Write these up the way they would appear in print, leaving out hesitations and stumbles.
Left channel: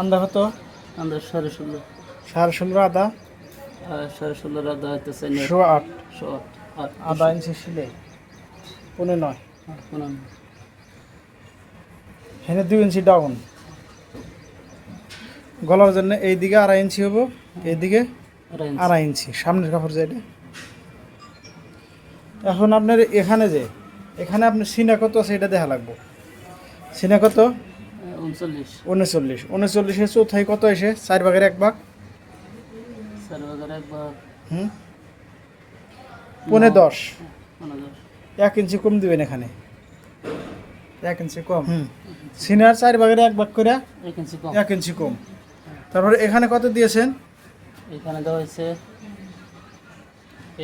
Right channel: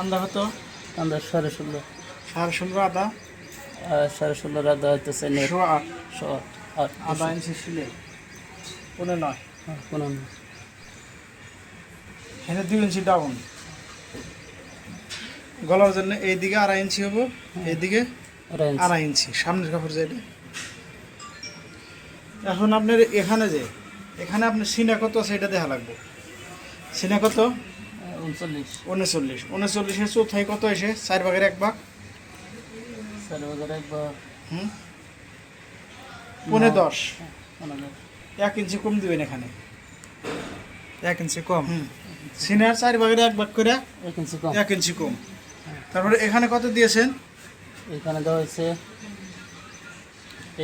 আন্দা কত? আমরা 16.5 16.5 আদা, আর 16.5 আদা হইতেছে 8 8 আদা ইঞ্চি সিলে 15 15 এখানে 2 ইঞ্চি ডাউন। গলার জন্য এইদিকে 2.5 ইঞ্চি হবো, এইদিকে 2.5 ইঞ্চি সামনের কাপড় যেটা। এখন আপনার এখানে যে এখানে আপনার সিনা কত আছে এটা দেখা লাগবে। সিনা কত? 39 39 চৌথাই কত এসে 4 ভাগের 1 ভাগ। 4 ভাগের 1 ভাগ হুম 15 15 1 ইঞ্চি কম দিবেন এখানে, 1 ইঞ্চি কম। সিনার 4 ভাগের 1 ভাগ করে 1 ইঞ্চি কম 1 ইঞ্চি কম। তারপরে এখানে কত দিয়েছেন? এখানে দেওয়া হয়েছে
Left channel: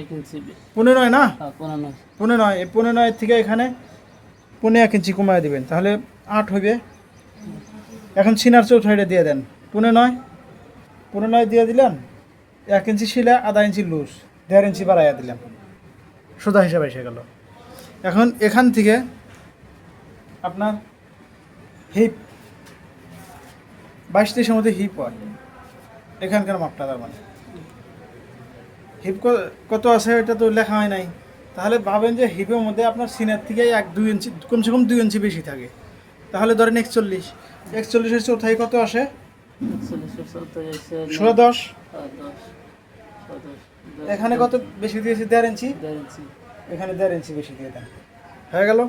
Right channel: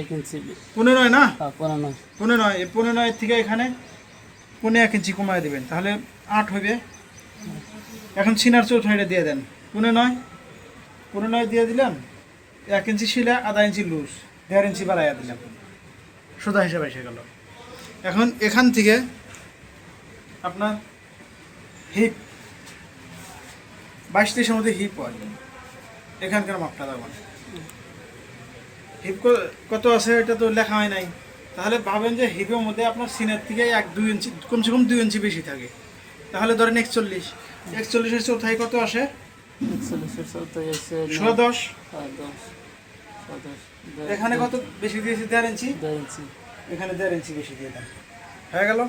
1 ইঞ্চি 15 না? 15 15 এই 15 থেকে এখানে 1 ইঞ্চি কমায় দিবেন, তাহলে 8 হবে। এখন সিনার চৌথাইটা দিয়ে দেন 15 দিয়ে দিলাম, 1 ইঞ্চি শিলা, 1/2 ইঞ্চি লুজ, 1.5 ইঞ্চি বাড়াইয়া দিলাম, সোজা হিসাবে এসে গেল। এখন এখান থেকে আপনার হিপ 22-23 মধ্যে হিপ হয়, এখানকার মাপটা দেবেন। হিপ কত আছে এটা তো লেখা হয় নাই, তাহলে ভাবেন যে হিপের মধ্যে আপনার সিনার থেকে 1-2 ইঞ্চি কমসে কম 2 ইঞ্চি বেশি থাকে, তাহলে ধরেন 41 চৌথাই কত আসে? 41 চৌথাই আছে 16-10। 10 এখানে কত বেশি দিয়েছি? 1.5 ইঞ্চি। 1.5 ইঞ্চি এখানে 1.5 ইঞ্চি বেশি দিয়ে দেন, হয়ে গেল।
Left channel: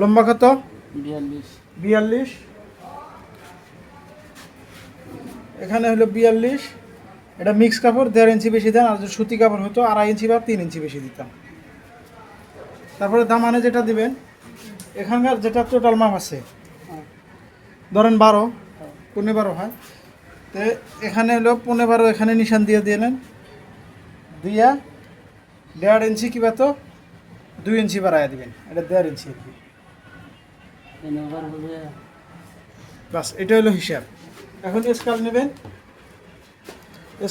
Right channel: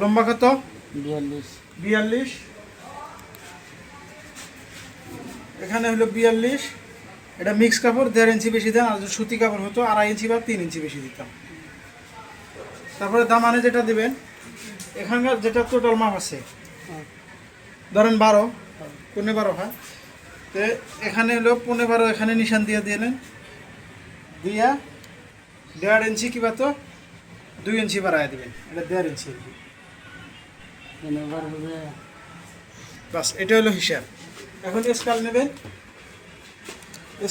লম্বা কত? 42। এখানে হলো 42, এটা মিক্স কাপড়, 1.5 ইঞ্চি বেশি দেন। আর যদি সুতি কাপড় হতো 2.5 ইঞ্চি বা 3 ইঞ্চি বেশি দিতাম। তারপরে দামানে যেটা দিবেন, এখানকার যেটা টোটাল মাপ আছে ধরেন 12, 15 হয়, তো এখানে হলো 15, এখানে নিশান দিয়ে দিলেন, দিয়া 1.5 ইঞ্চি কিবা তো 2 ইঞ্চি বাড়াইয়া দিবেন, এটা 1.5 ইঞ্চি আর কি। বাস এটা হলো হিসাব। এখন স্কেল নেবেন,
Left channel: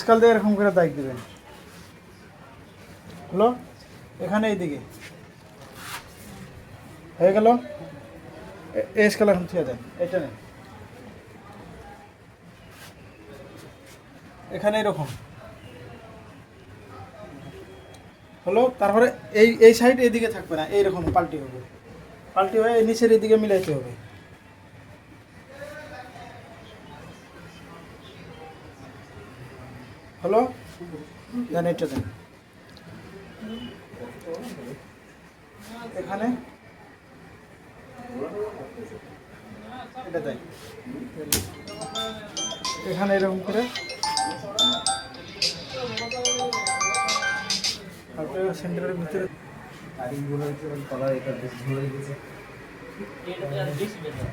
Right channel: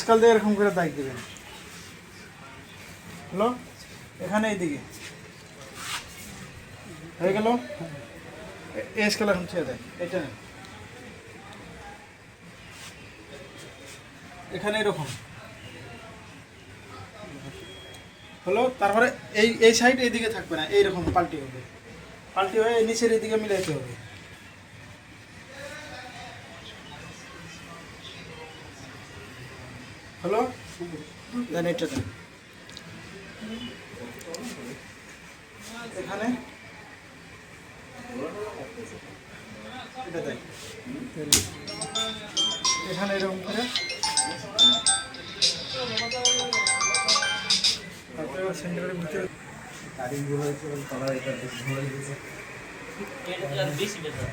স্কেল দিয়ে এরকম করে দাগ দিবেন, হলো এখানে এইদিকে হয়ে গেল। এই স্কেল এখন ছেড়ে দেন, এটা নেন, এখানে এরকম হলো। তারপরে এই সাইড এইদিকে থাকবে না, এইরকম পাল্টি হবে, পাল্টি হয়ে নিচের এইদিকে মিলাইতে হবে। হলো দেন এটা দেন, এখানে এটা দেন, এখানে এরকম করে সেন্টারের ভিতরে এটা বেশি বেশি